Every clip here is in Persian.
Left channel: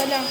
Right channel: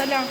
السلام.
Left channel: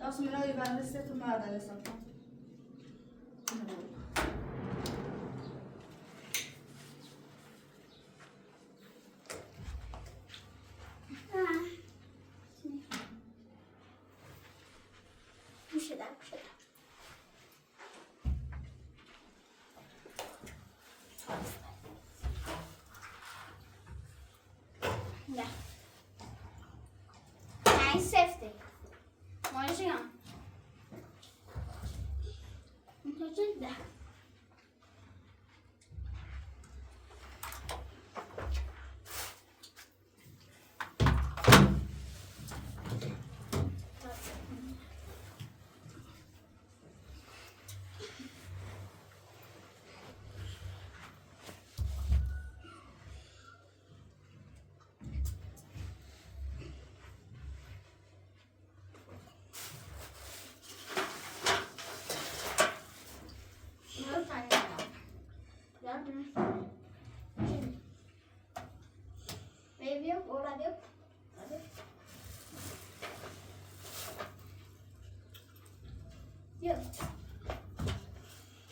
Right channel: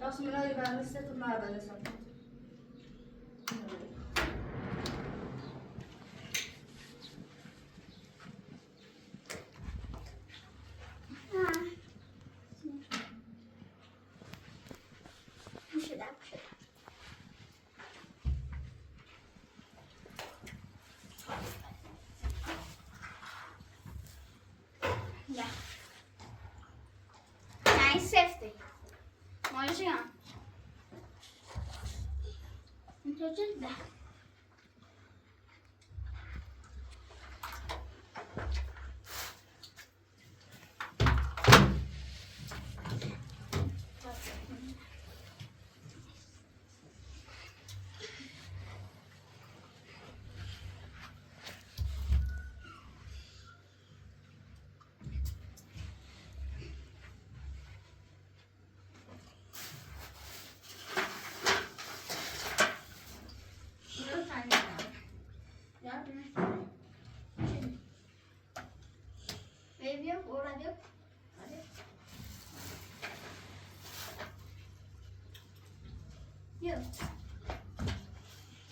راست می‌نویسی بنده سه تا مرد هستم. میشه در شد. Ja. Nej, safety. Може я? Inte det. Yok.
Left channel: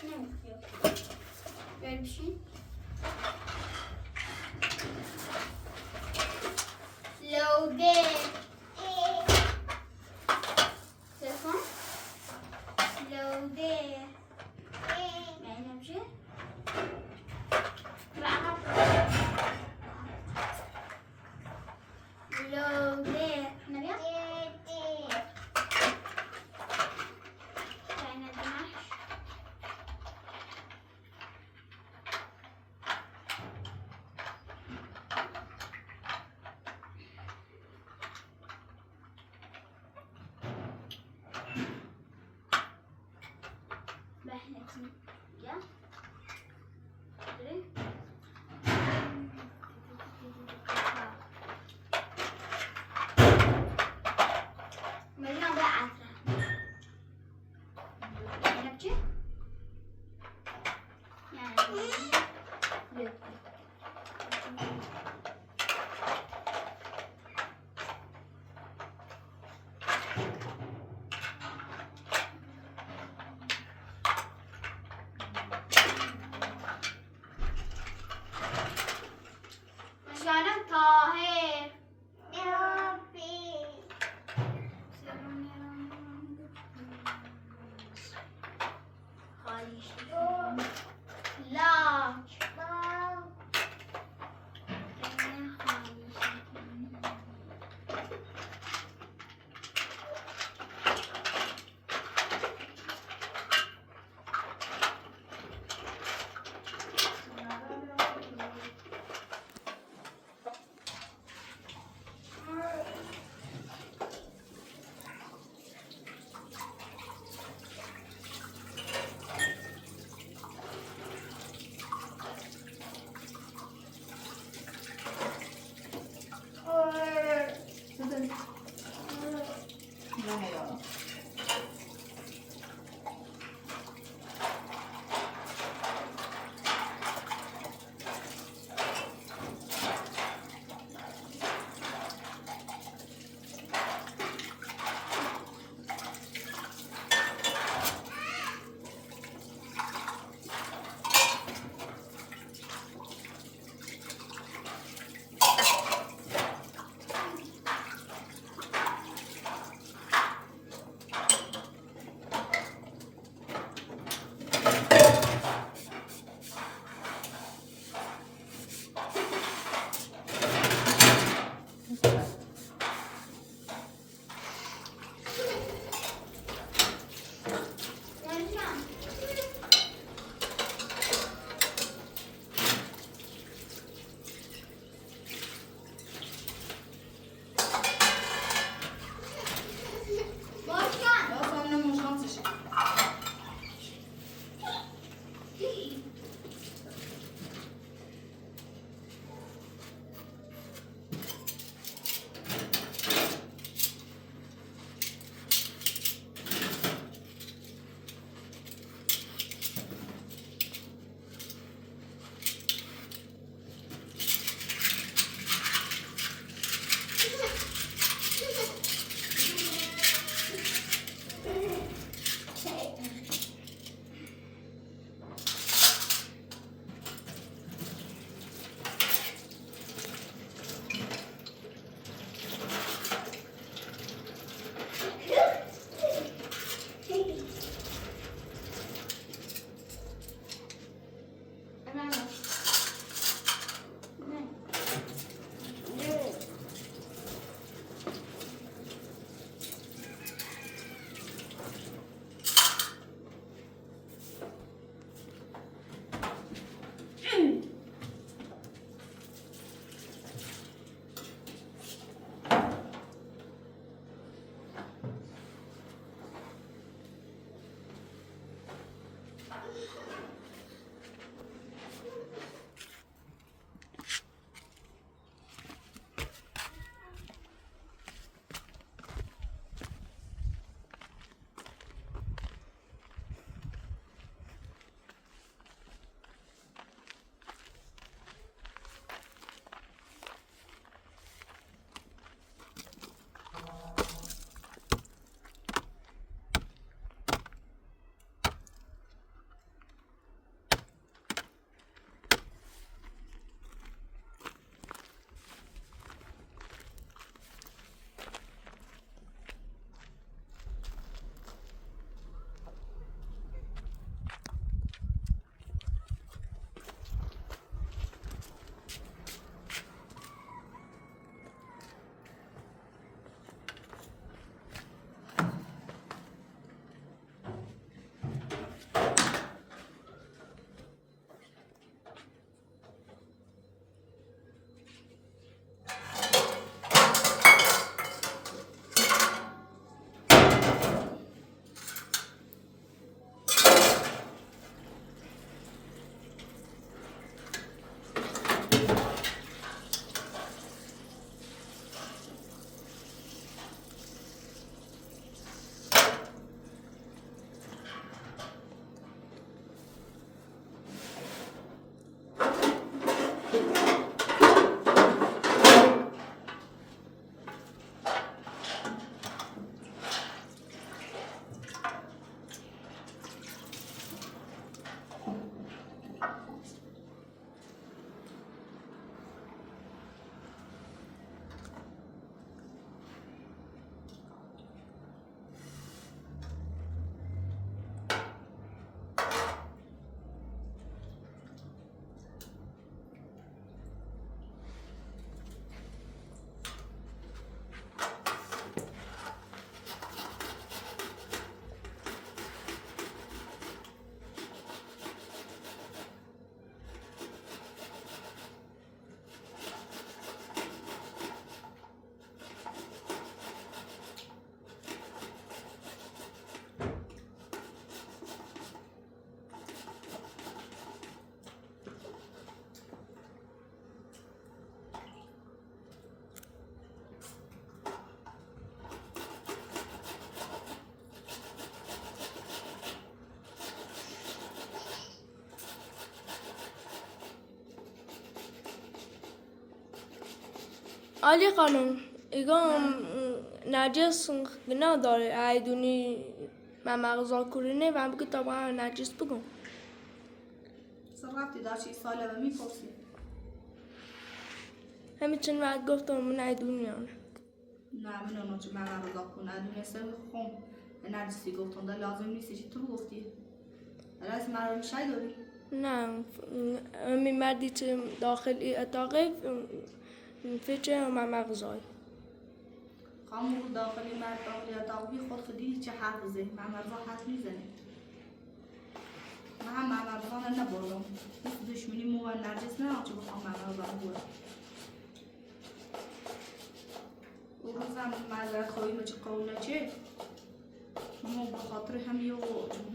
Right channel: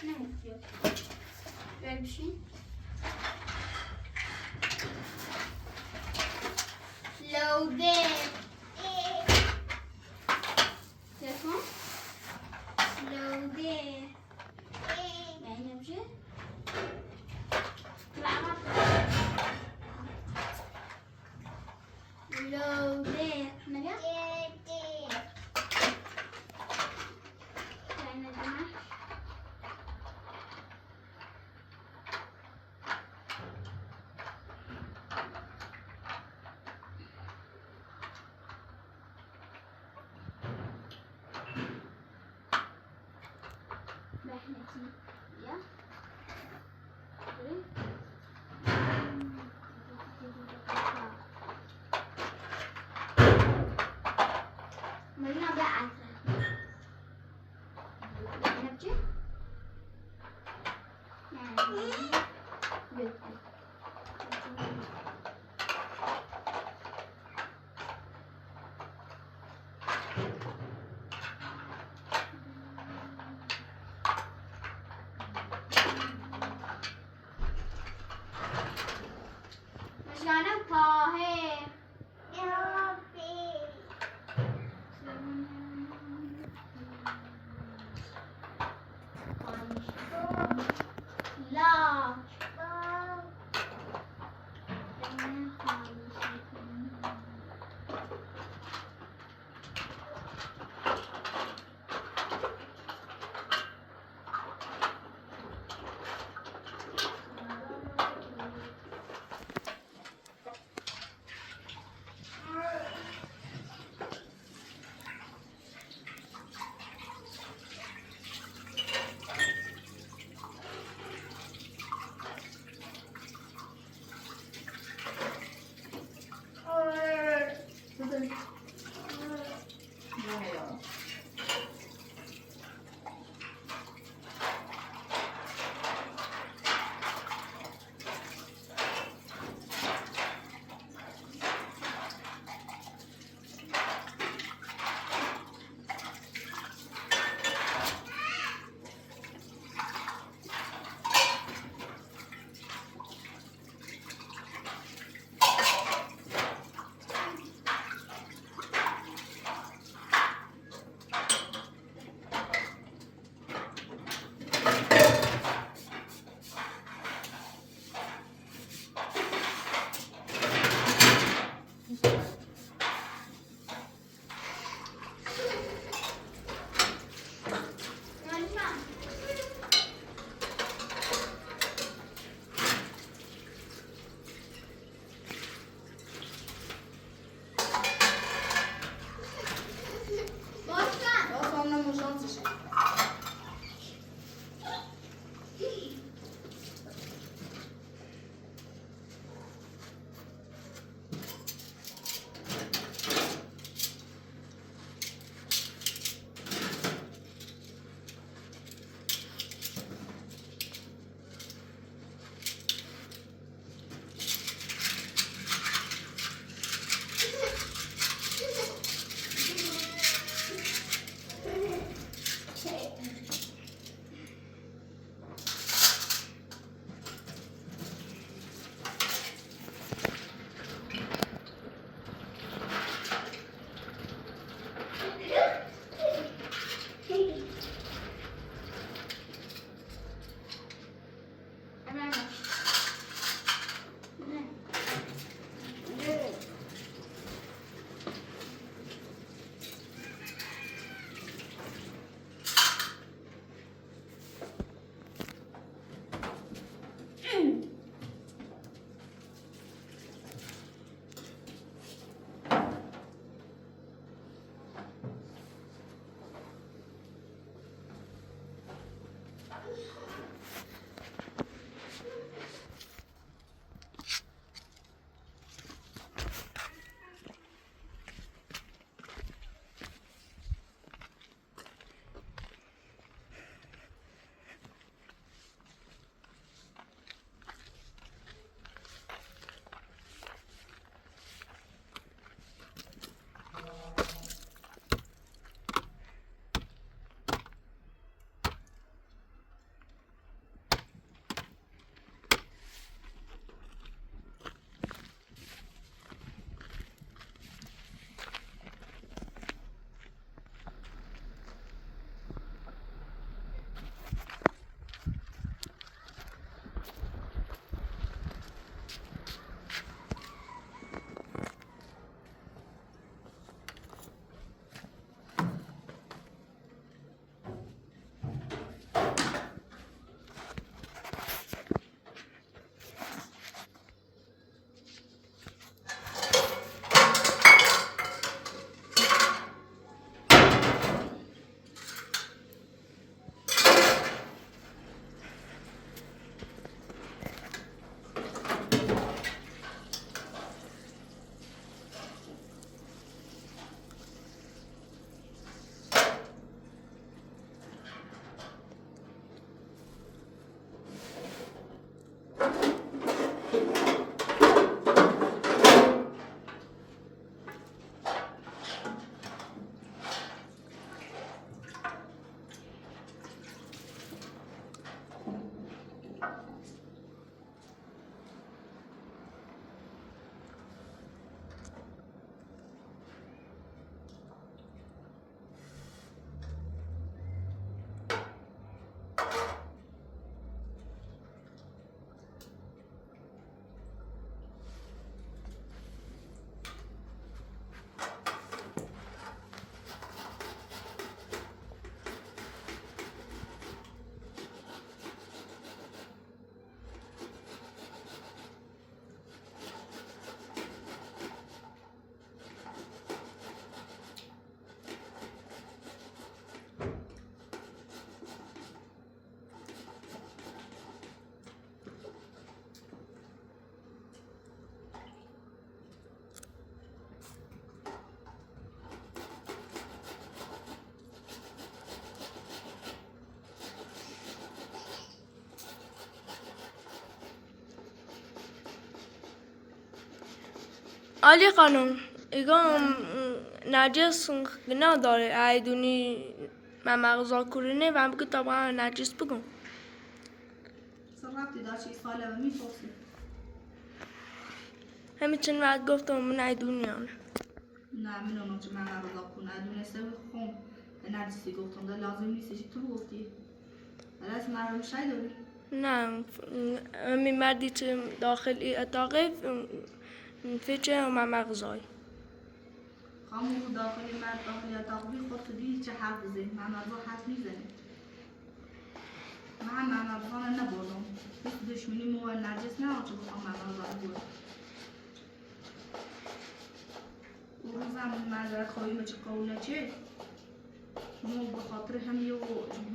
Ne yok? Böyle bir şey. Loaded. Telefon. Loaded. Yani bir şey. Loaded. Ne diyor? Bahnetin. Ya. Görün. Mungkin ada asal. Enak sih? Yani. Yok. Masyaallah Tahir. Large. علی خانم ایگام نجس نداره ایدونی من مغزا کرینه و بگو طبعا نجس بگم صرفتی دار چی ساله و میپرسی همین چند وقت گفتم من ایدونی نه من اونو چه من رضا کنه دونسته خون نرجسی گفتم ده لازم نیست چی تو گفتی ولی از من رو شای داری نه همین مردی که داخل اتاقه فیچه من مغزای خامو داخلی مرد داخلی اتاق بی خود خودی چه حرف بزه من مرزا حرف میزنه من مرزا رو نبردم بس دشمنی مو نرجس نه آنچه بخوام مرزا رو بردم اون روزم معذرت خواهی چه قوله چه مو بخاطر همی و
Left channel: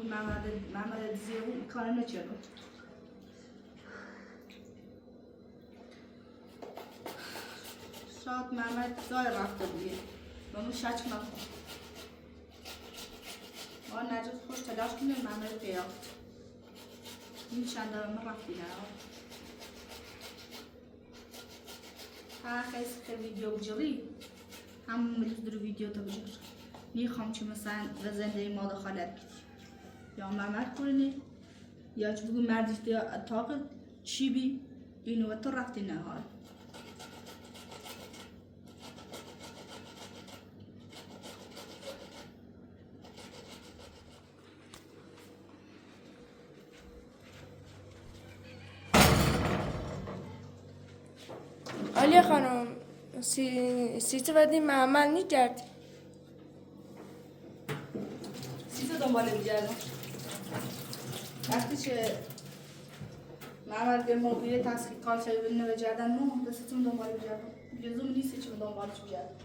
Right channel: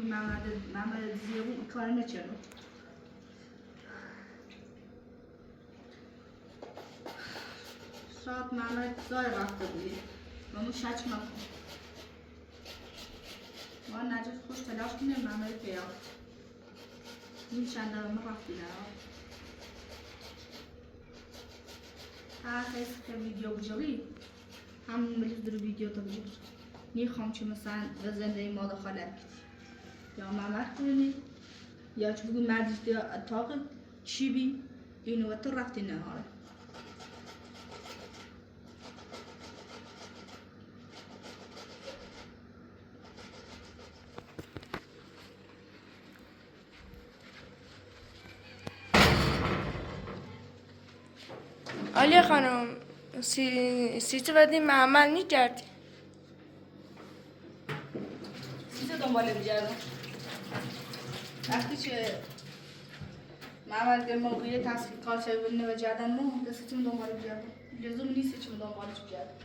محمد زیرو کار نچرد شاید محمد جای رفته دیگه مامو شک نکن ما نجات خوش تلاش کنیم محمد پیدا این چند دارم رفتی نه ها خیلی که ویدیو بجوری هم ملیز در ویدیو تا بجور نیخوام چه مثلا به زنده ما دخالت بید یا محمد کنی یا چه بگو مردش دیا اتاق چی بی اینو تو رفتی نه ها علی خانم سیچه بدی معمل نی کردی سیزه دنباله بگردم وقتی که محمد به موقعی تحقیقات و جردن مو دستتون دنباله بگردم لزوم نیست که دنبالش بگردم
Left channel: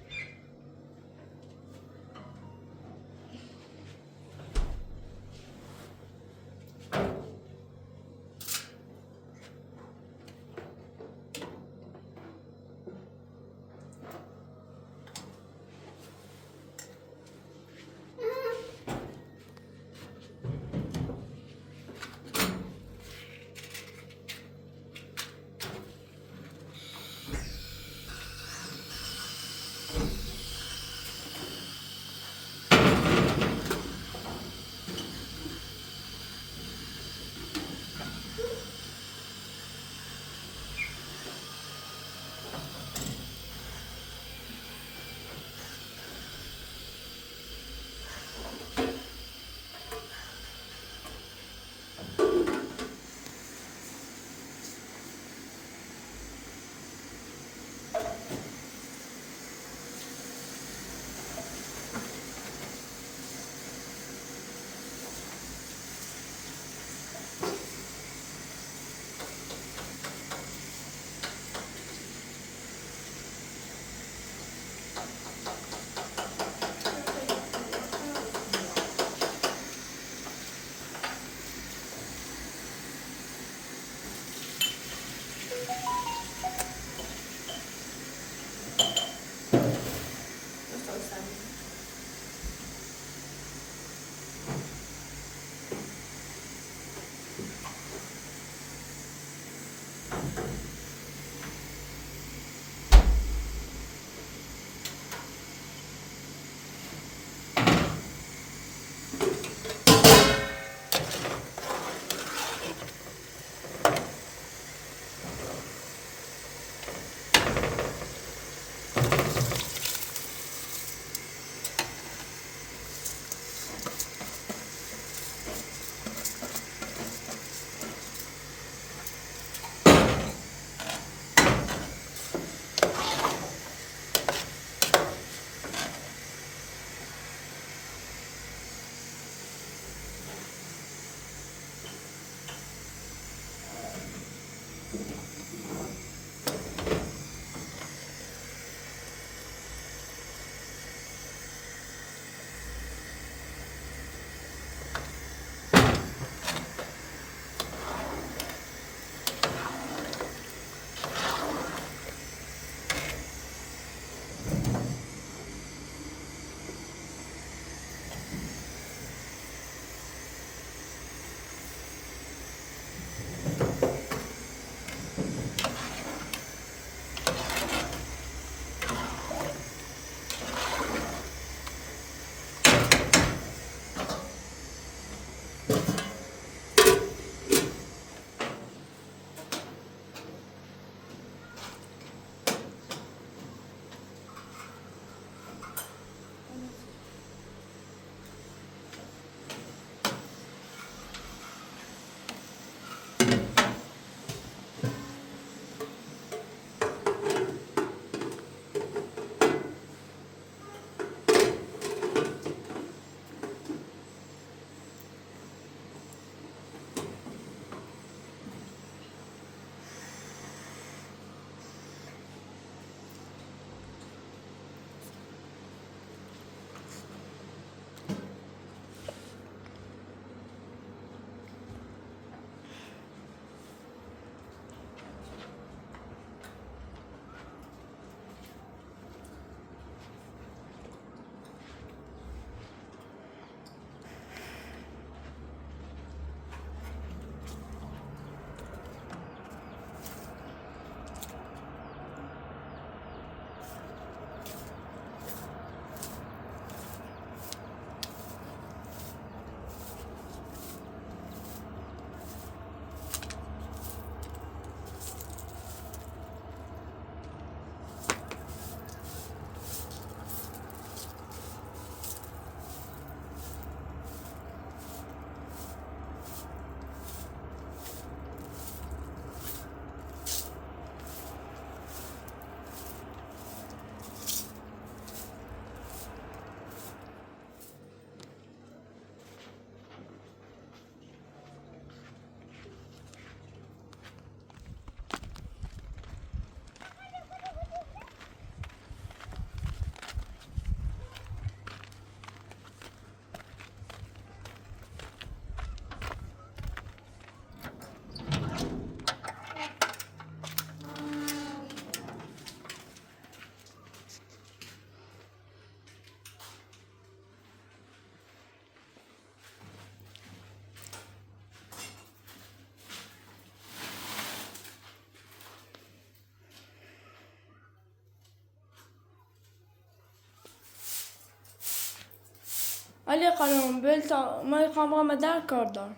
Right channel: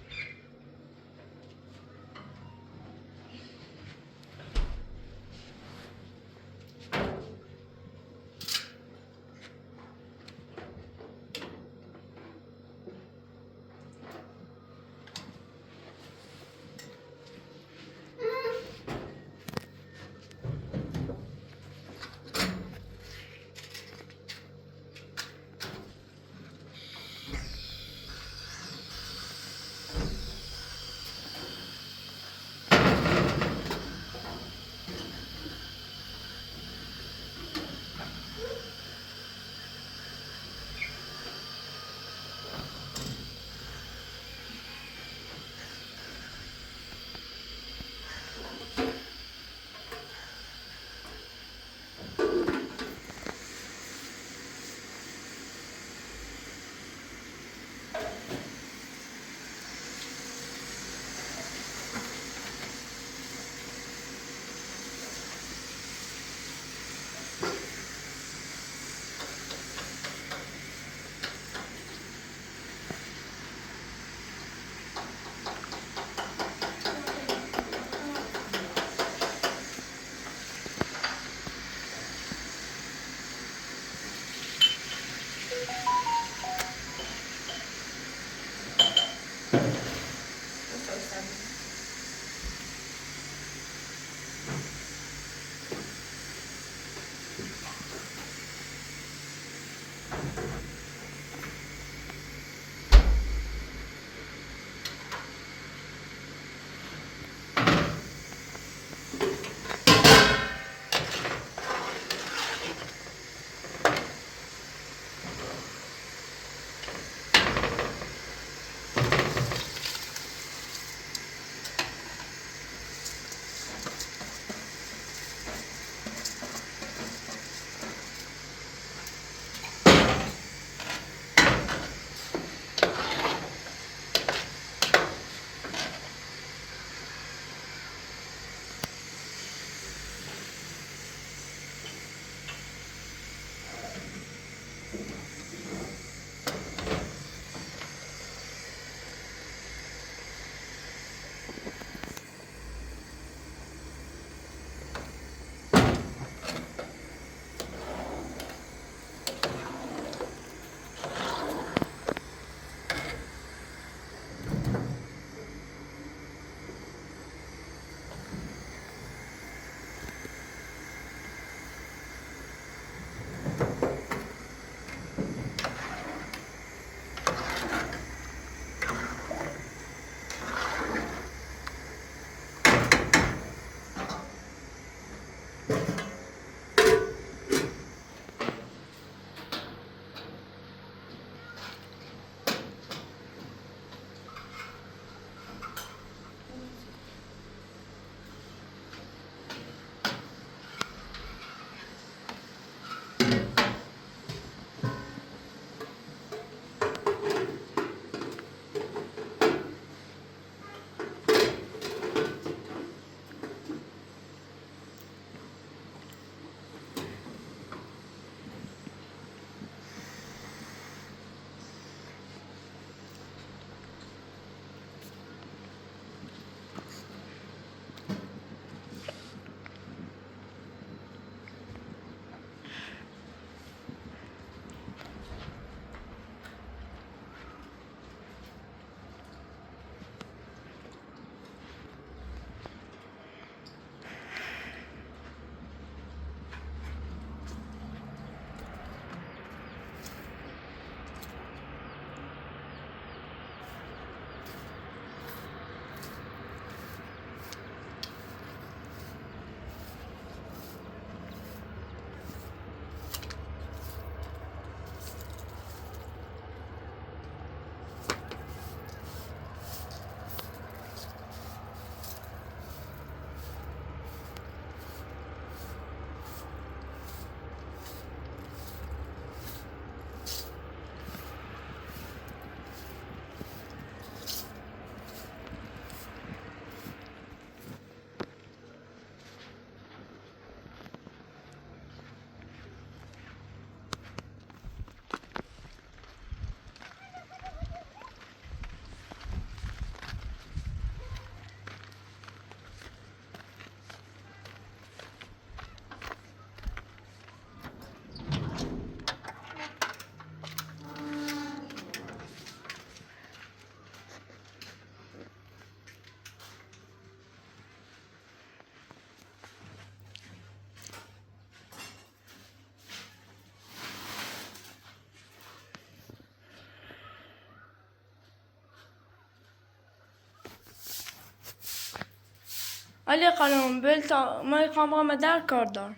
علی خانم بل تا من میخوام در کار دارم.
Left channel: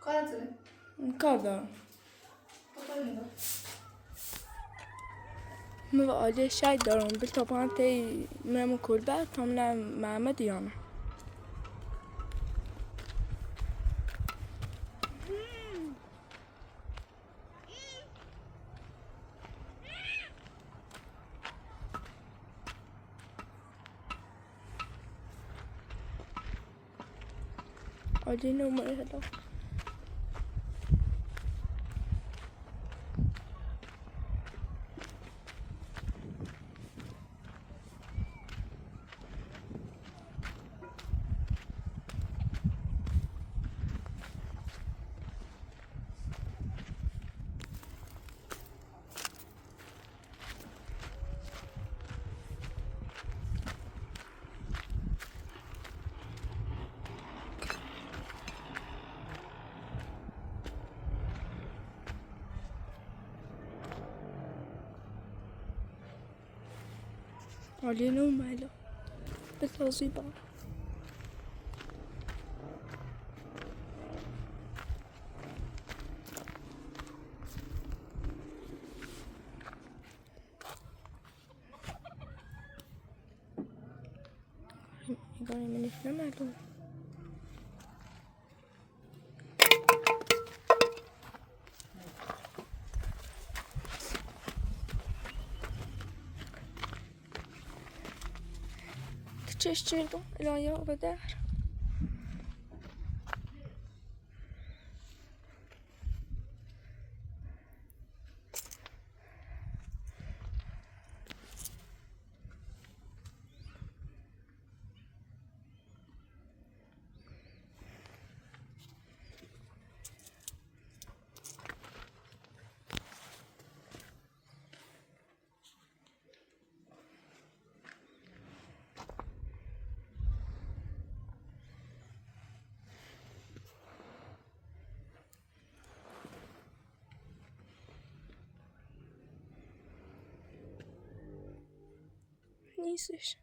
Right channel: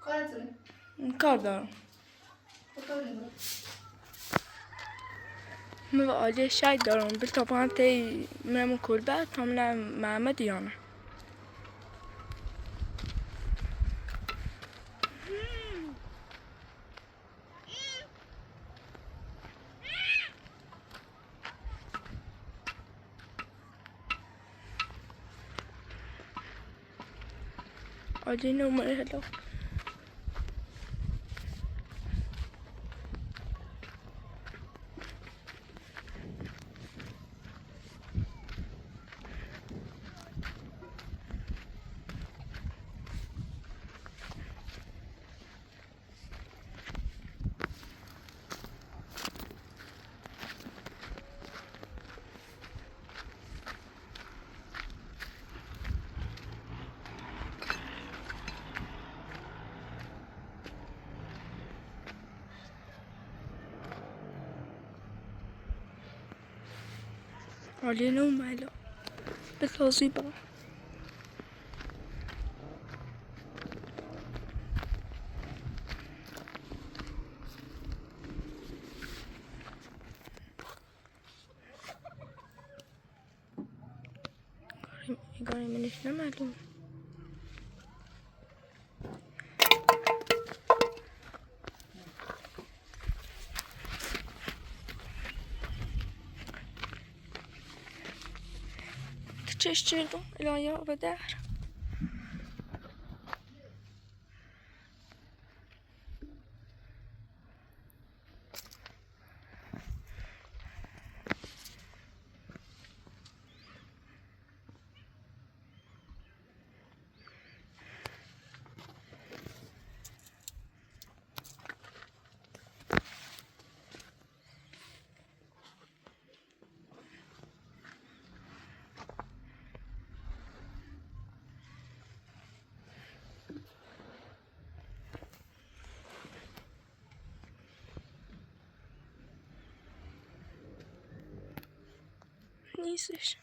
کارتونه. کار دارم. خدا نگاه. من عالی شاید دارم بل تا پایان تی منم کلبه تا منم محمد یانه. عالی نمره هلا. عالی نمره هلا. بتوزی با. گاری منش نمالوم. چش چردم الان یا بدر. نیستش.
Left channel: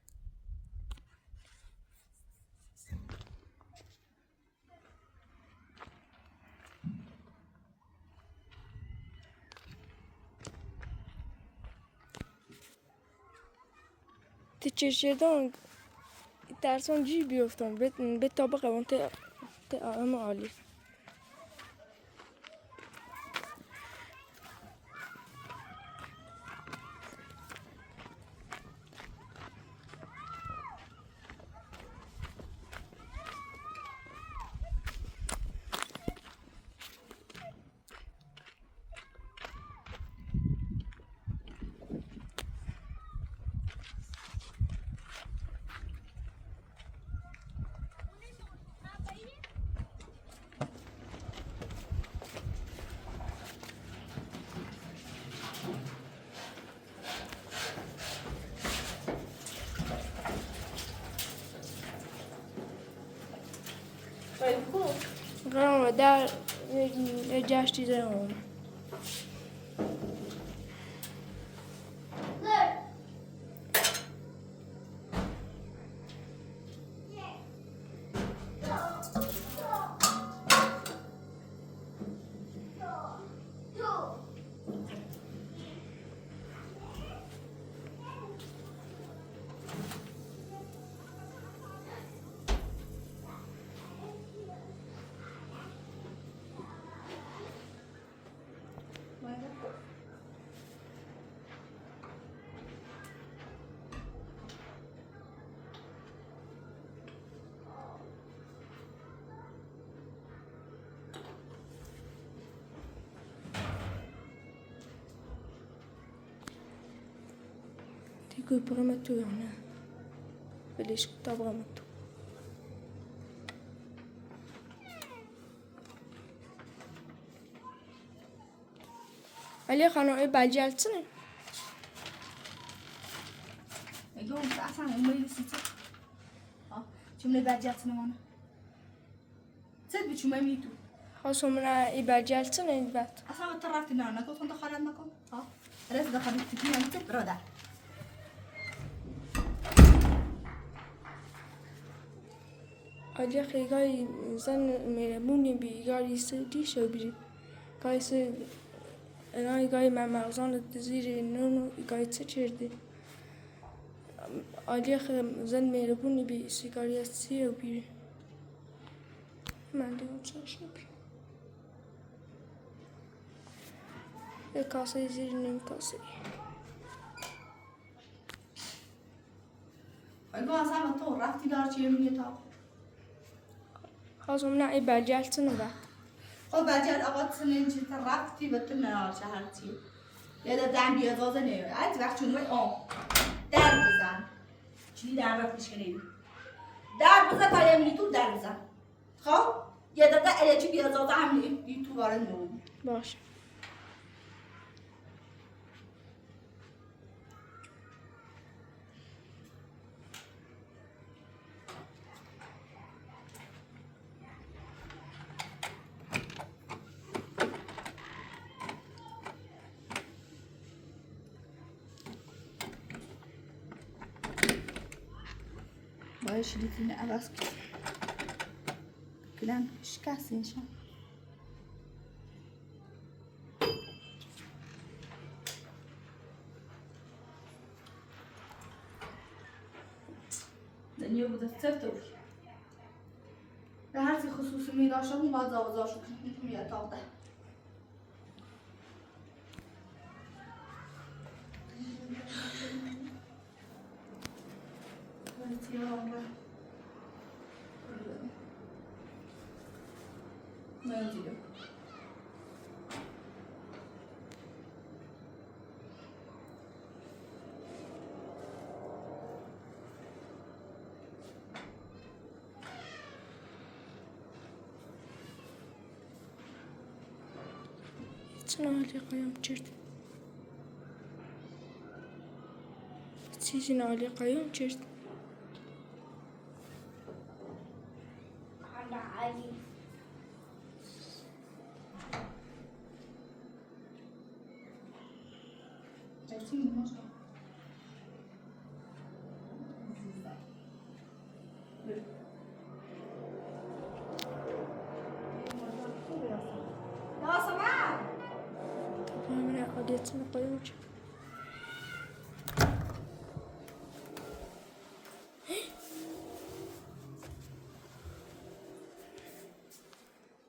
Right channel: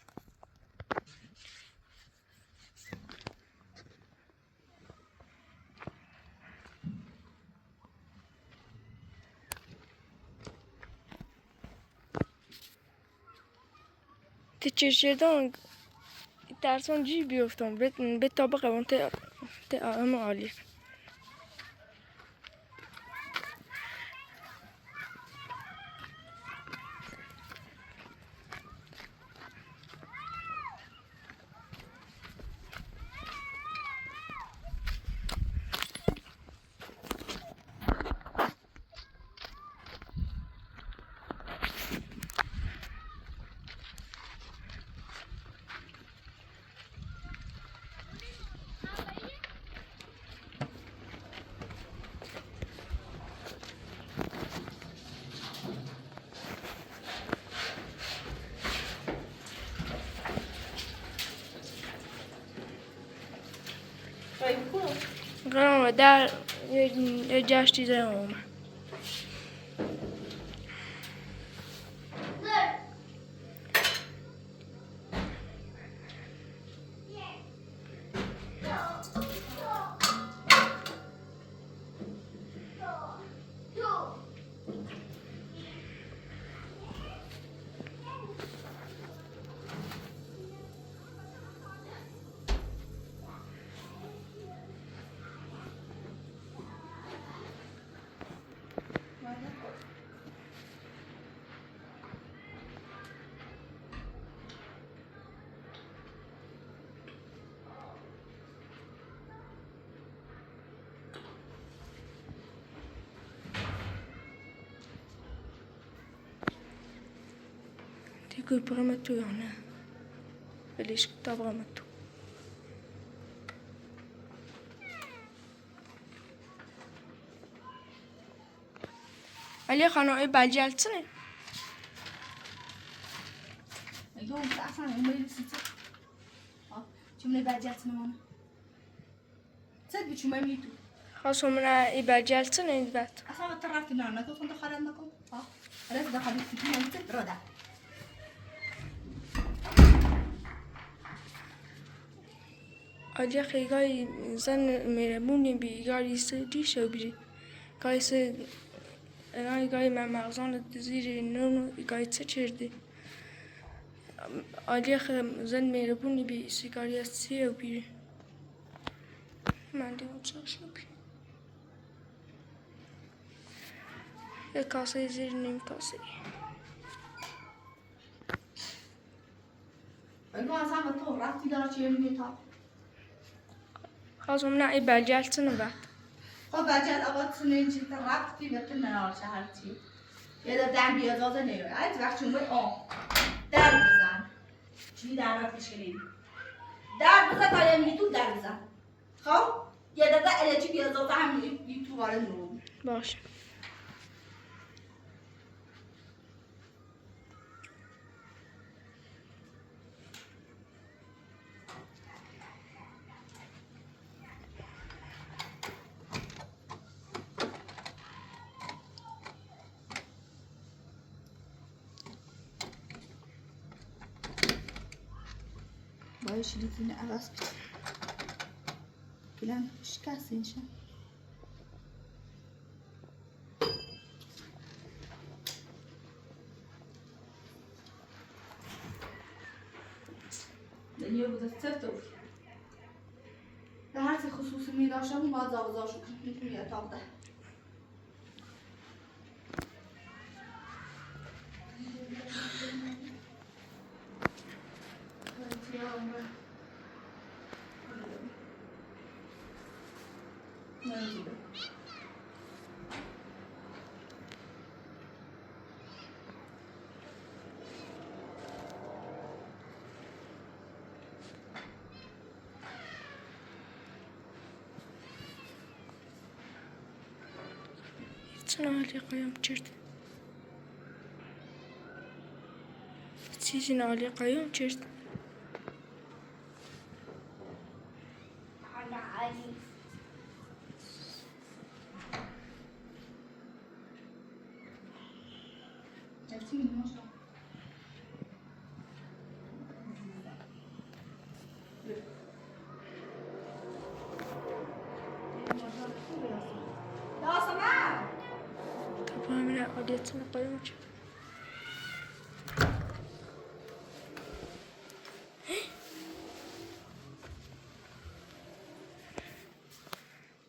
تچشیدن ترسان جی بیفتم به طبقه اون ت عالی. قرارم در یه جشتی در اومد. Dico il programmatore, vedi scritto programmatore. علی خانم ای بلجلتنه اگه اون اصلا اون میری سیتی جمله بلجلتنه مانه صد بچومه می تو خواست من ای بلجلتنه این بات اصلا ما طرفتی نه نکن خونده خالد نکن رأس دخلی سیتی نمیت براده آجا خیلی زن میرمونی بیگاری سری شو بیری گایس انا گای من مغزان زیر نونو گای چه چرده آجا خیلی زن میرمونی بی سیگاری سی و بیری من دیگه چه شو بیری یک کاسه زیر نیم کاسه اگه اصلا تو رفتی داره چیه میگه تا خواست من ای بلجلتنه بعد خب بچه آقا سنین چی رفتی به تو نهار شهرتی یه در دم بیادازه نیوه از وقت چون باید در بزن چی در وقتش کنید در بزن تا یه میتو در بزن خب یه در در الچی بیادازه هم تو وارد نو باشه باید شدیدین عوض کن گلن شکست اینشان دنیا بوده سفت بود به هر چی خصوصی می داشتم باید زابزار شد میتونی اتاق ده نالی قایم چرد چیزی نالی قایم چرد من عادیتنا قایم چرد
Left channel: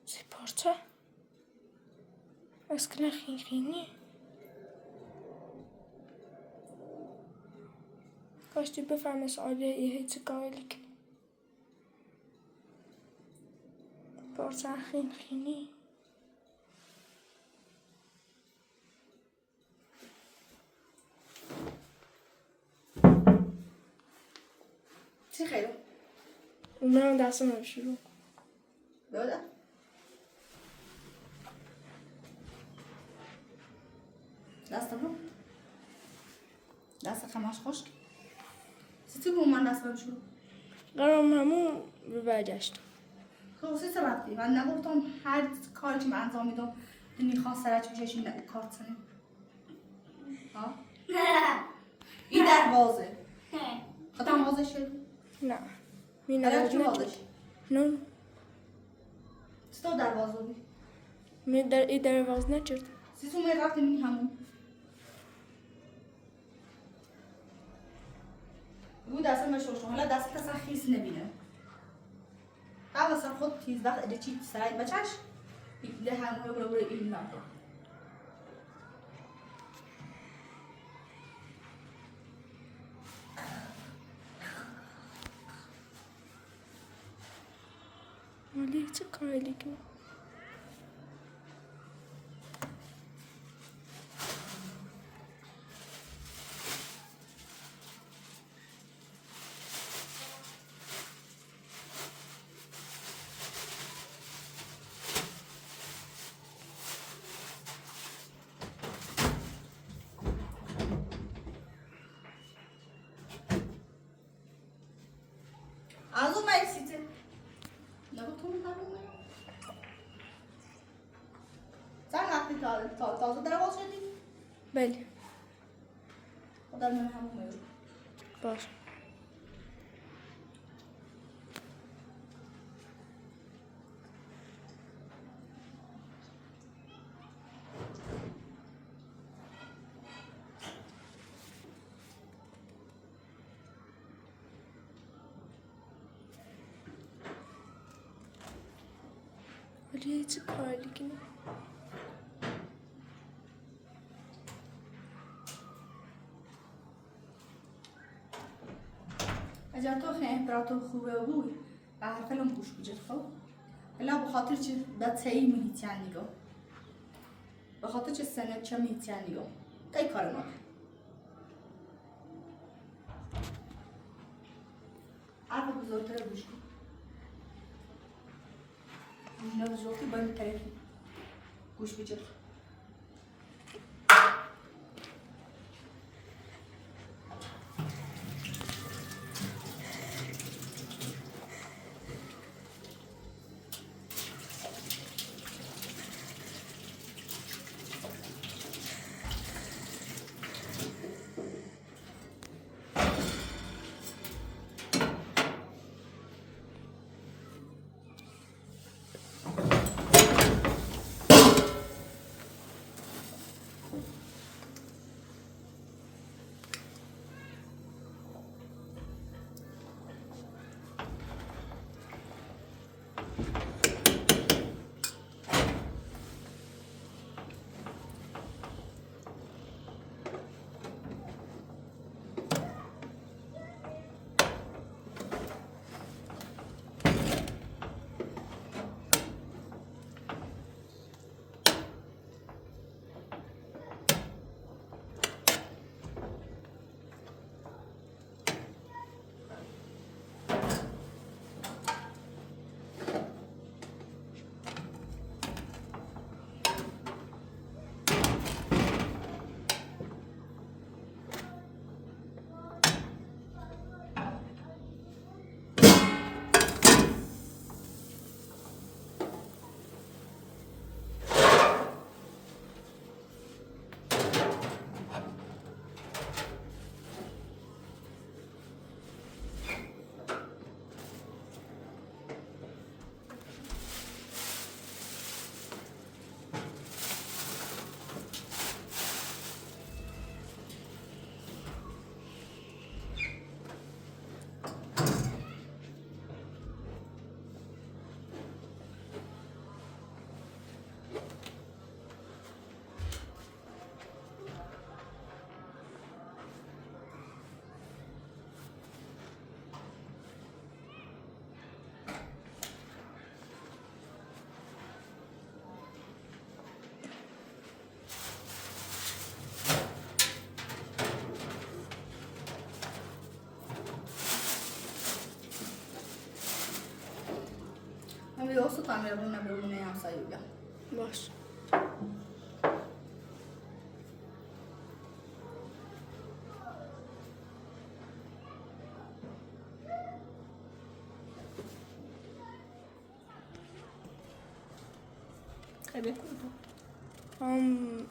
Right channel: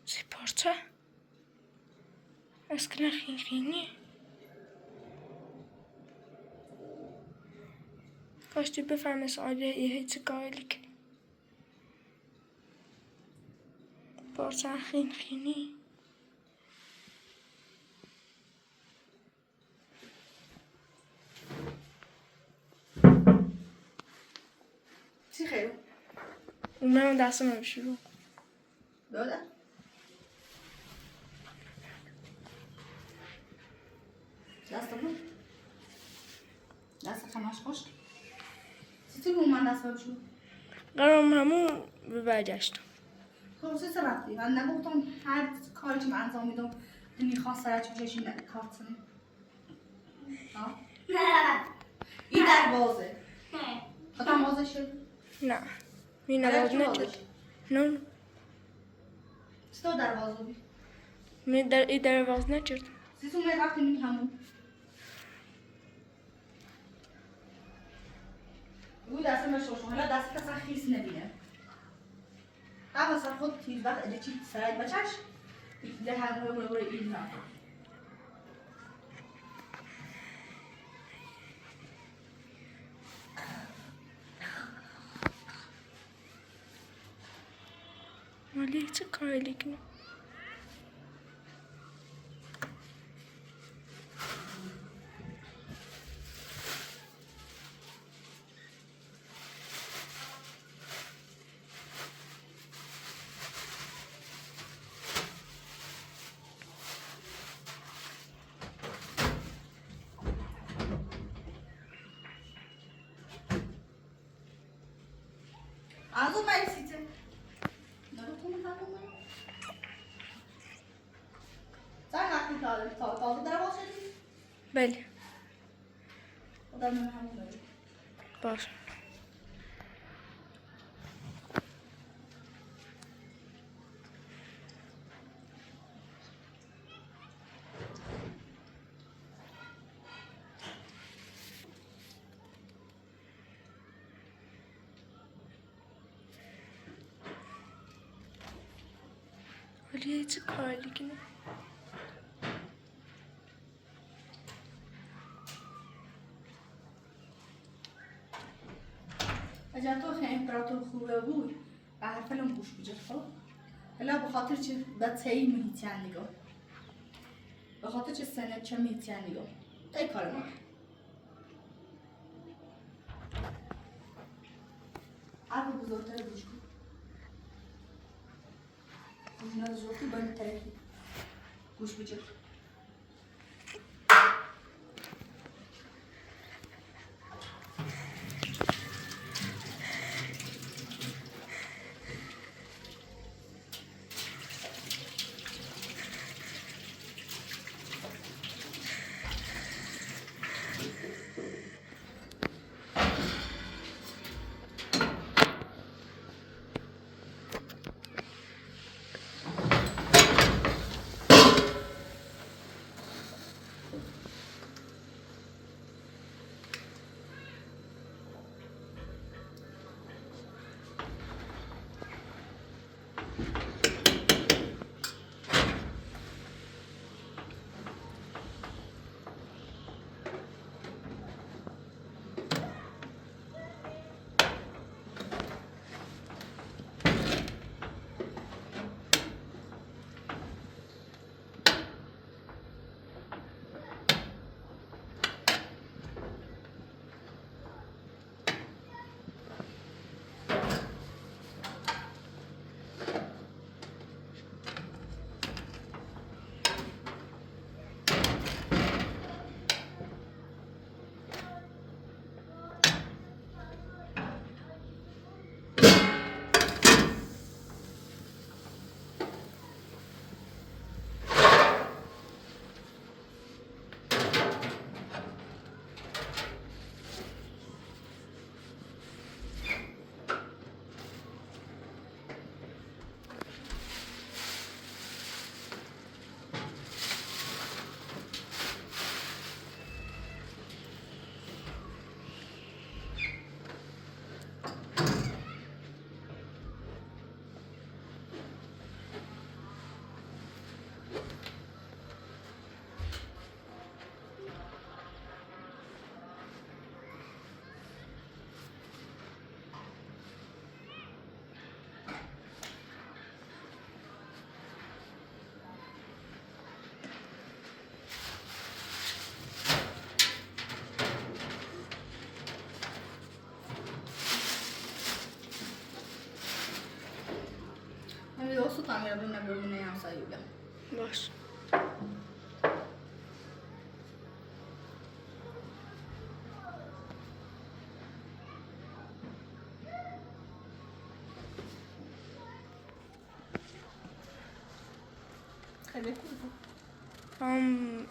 سپارتا اسکنه خیلی کاشتی بفهمی سعاده یه هیچ کاری کنی پارتا خیلی چی خیلی؟ اونم دستم رو شروع دوله؟ دست بود؟ دست خماش خشک؟ چی تو من دست بشو؟ قرارم همون به برگشتم خصوصی رفتی من نگفتم هر کاری که من انجام میدم دنی خواست سرچ بچشی کارت سنه ها این دروازه خودم وازه شد نه مینا باز نشد نه ستو دروازه بی می در ای در باز نشد سیسو می رفتی منی همون بود اصلا نشوشم حالا دست کسا خیس نبینه اما سر خود تیز وقت اده چی سرای بچش ده همه رو این نه ولی چه کاری کنی از اون مرسیته نگفتم همون من زن وقتی تازه در باز شدی بله خدا من همون من باش ولی چه کاری کنی اگر تو خیلی امپراتور خوبه بود به هر فیلم گوش بجد خب هلا بخاطر چه بتایی محیطیان نگاه بخاطر چه سنت چه محیطیان نگاه تای کار ما حرف بزرگتر گوش کن اینا بزرگی باید طرفی گوش بجد همین دوست تعمیر بنا بمونه همسایه‌ها باش خیلی خوب بود.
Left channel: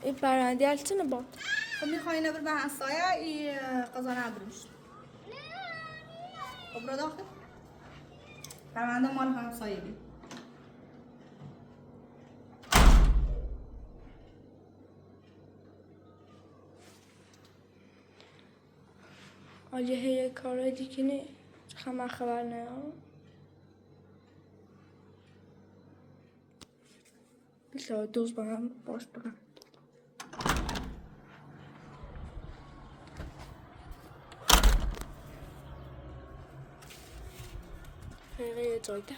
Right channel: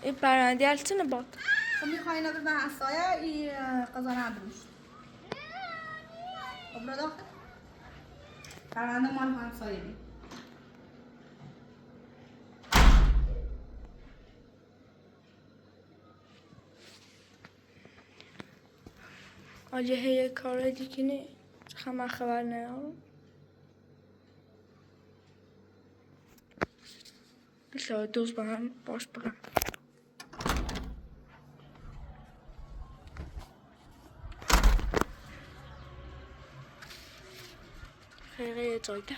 این پرنده التونه باد. خب میخوای اینو ببر همسایه این قضا هم بروشت. خب رو داخل پرنده مال همسایه دی. آجه هی کارای دیگه نه من خبر ندارم. بسیار دوست با هم باش برم. خیلی جایده.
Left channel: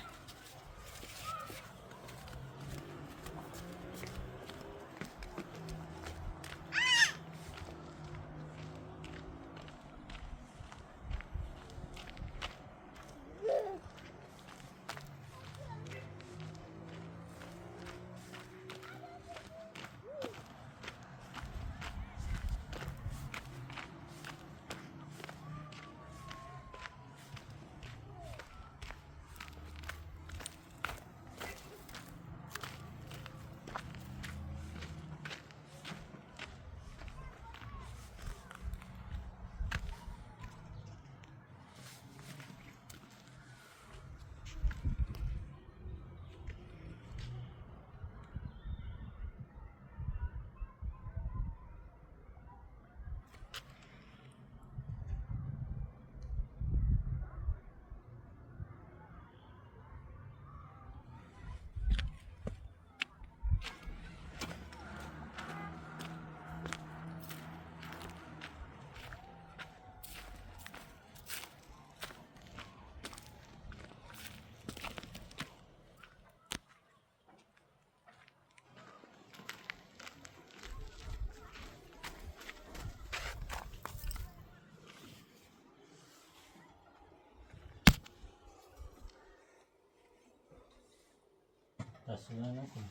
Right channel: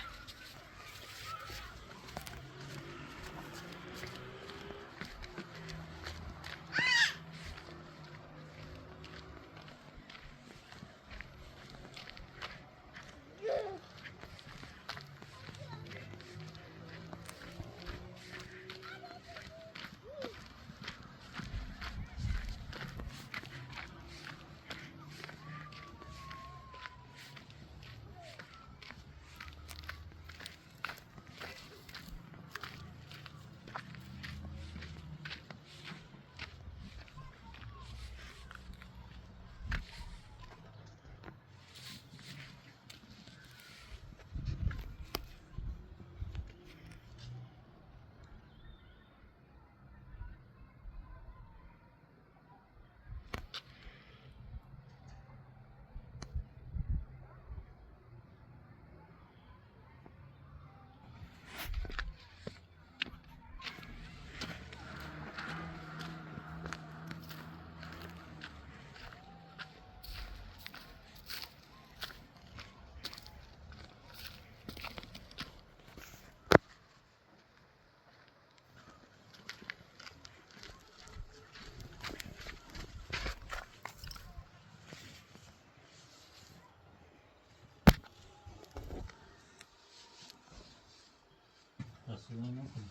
دستگاه نکنم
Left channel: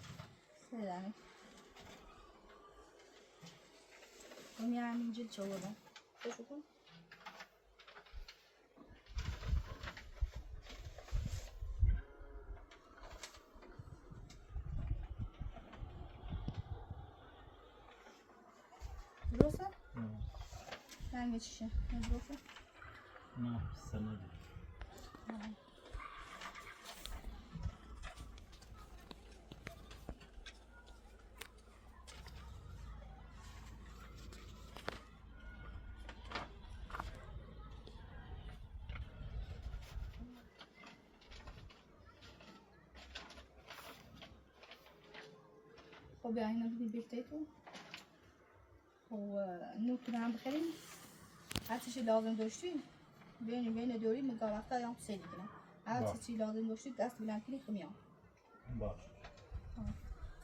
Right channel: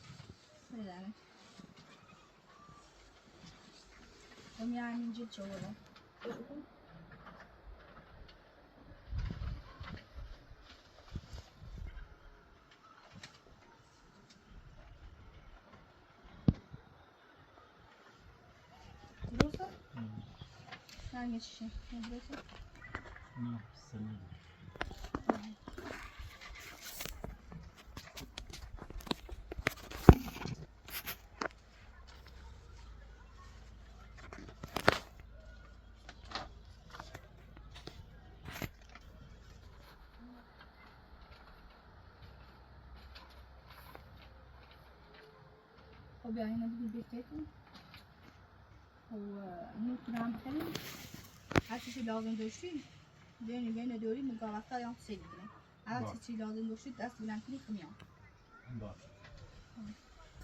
سیدانه خب میرم اینجا چه بودم خوشو کن درسته؟ نه چیشه درسته؟ نه سنده خب بیا اینو دیگه بهتون و نوت رو هم بخریم هر چیزی لازم داشتین بین دوری مگه وقتا یا سه دیگه هر چیزی لازم داشتید دست بلند کنی خمیام باش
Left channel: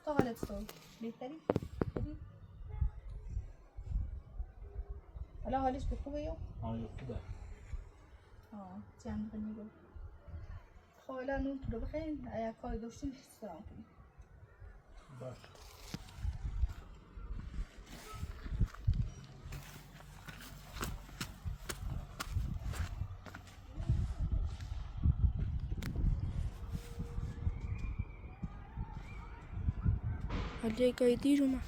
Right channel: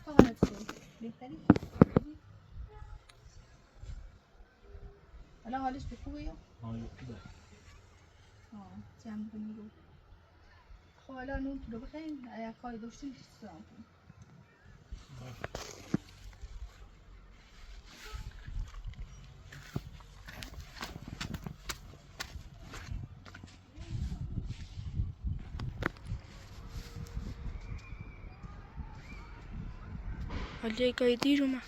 تو حالت سوی بهتری؟ حالا حالش به خوبه یا؟ حال خوبه چند کنی رو خب حالا نوت رو بخریم اگر کاری داشتین سلام کنیم باش حالی گاهی دیر اومد.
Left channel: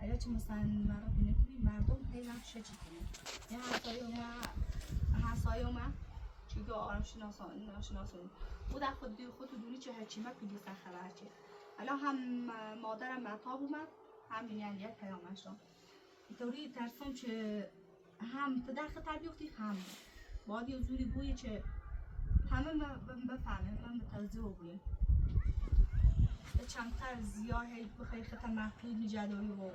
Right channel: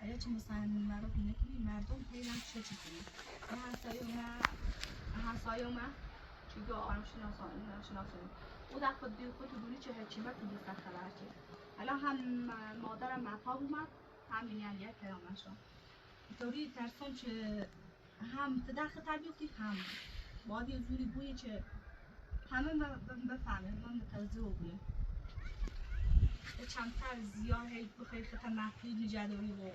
اگه چه مثلا معرفی نکنی مردم هی نقشه چی کنی همسایه اومد چیگه آرام شناسانی او در خود دونی چه هرچی مد بگی سر خبر چی حالا هم مادرم مطاب اومد هم این یک پیامش را طوری ترسم که هم پدر خطر بیفتی هم باید یه زوری بویه که همه بفهمه من متوجه بگویم چندتر زیاد هی بخوای خطر مخفی نجداری و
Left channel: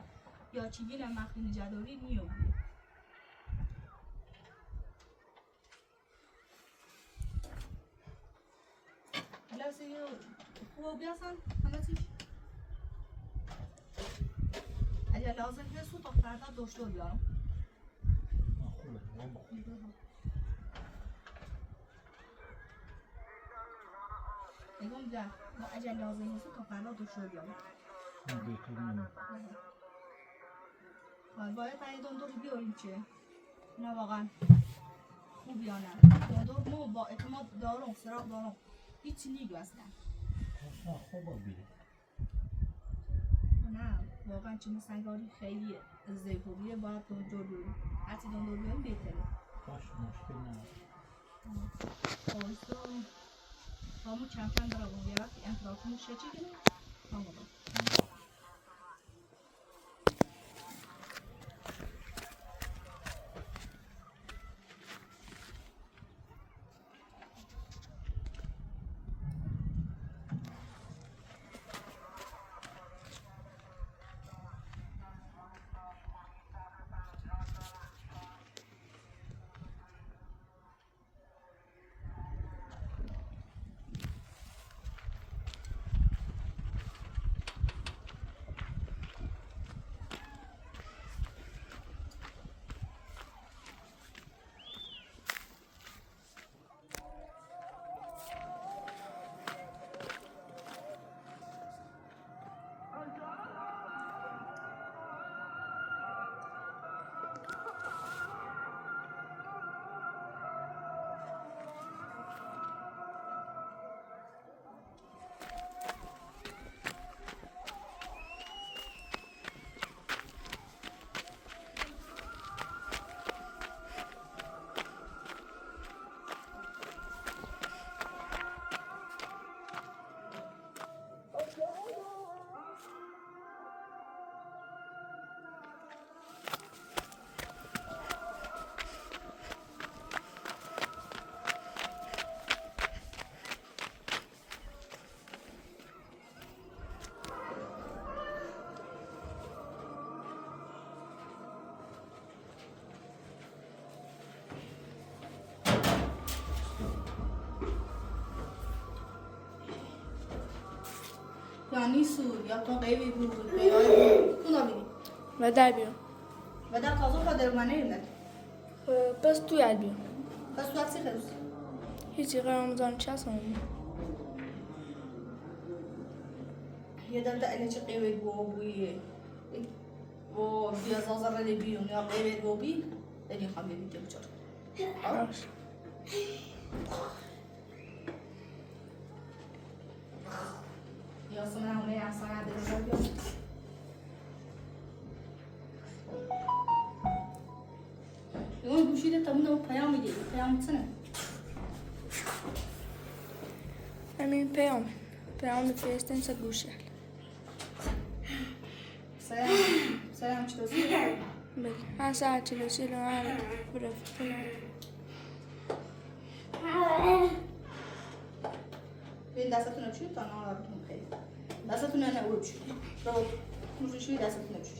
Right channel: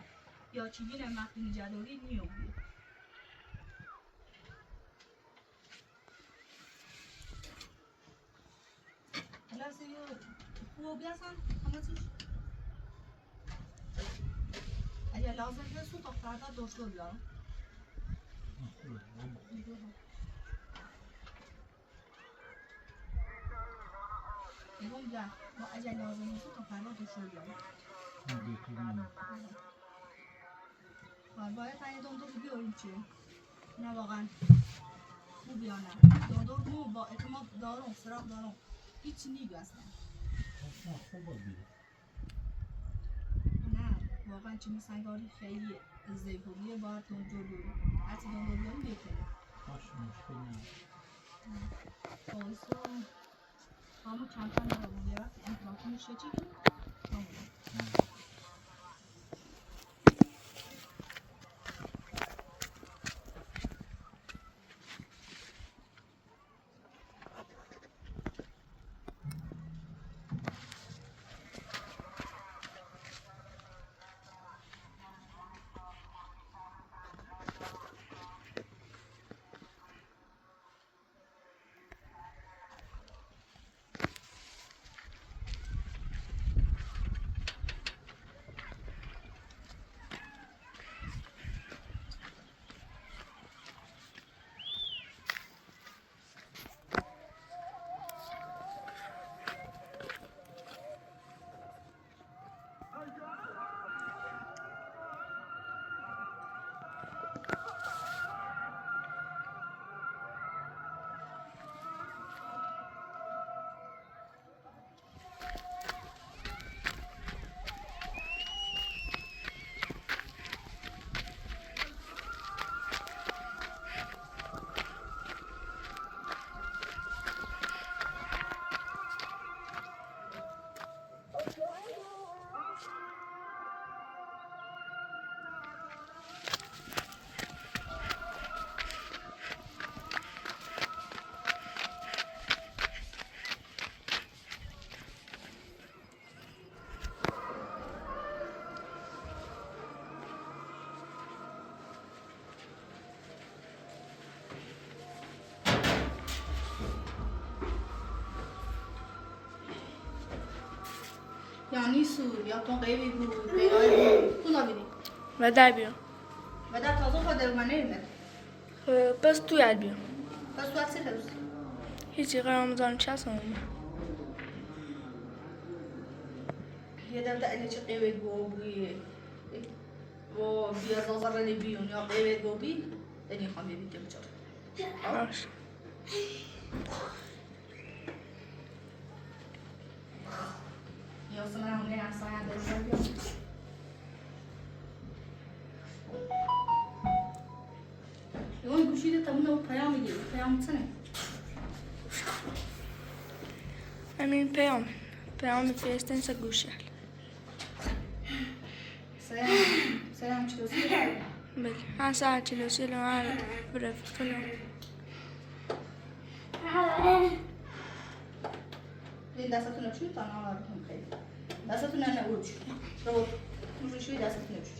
یا چیزی مخفی نجداری نیومده حالا سیو خوبی هستن همه چیز اگر لازم هست تا فردا داشته بیارم خوبه نگم بیار با اجل لازم نیست تا فردا دکتر بیام. götürmem. باید تا یه دندور بیاریم چه؟ نه واقعا خوب یا نه. دندور مو با اعتماد دارم، سراغ دارم. هیچی نیگو اصلا. Aslında خوبه biri. نه واقعا چه سنگاری خیلی زیباییه باید دندور بیاریم. حتی دندور بیاریم بهتره. Baş müşkil ne? خواهیستو همون کم کم برام یه وقتی امپراتور شه چی کنیم؟ همون یعنی سو یا تو قیبی بود بیایی بود کلا بیدی و در بیام و در تازه خود در منه ایمد بس توی ال بیام بس تو اکسی خیلی هیچی قرار مزارم چه هستم یه در اینه چه قیبی بود بوی و بیا زازر لی بیون یا قیبی بود بی دنی خواهم بیدی که بچار باش یا سمنه اونه احسانه بزر بیام یون گوشیده تمونه و پیام میدی پیام سنه همین پیام فرستن گوشه سلام چطوری؟ بله هر ساعت 44 هر برفتونم این دستتون چی تا نه آرتون خیلی دستتون نه اوچ رو موشی دستتون چی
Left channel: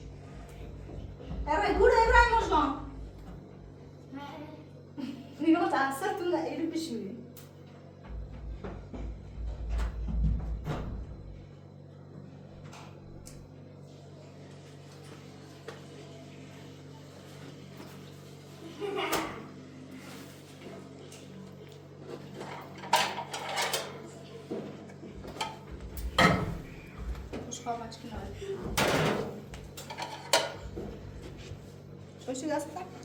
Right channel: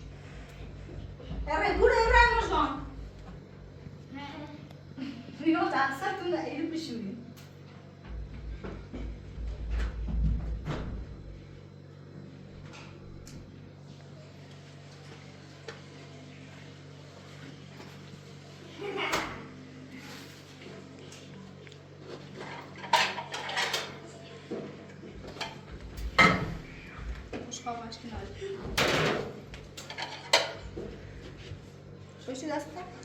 اره گوره اره مشان اینو دستتون ایرو بشوی Şöyle ders tak.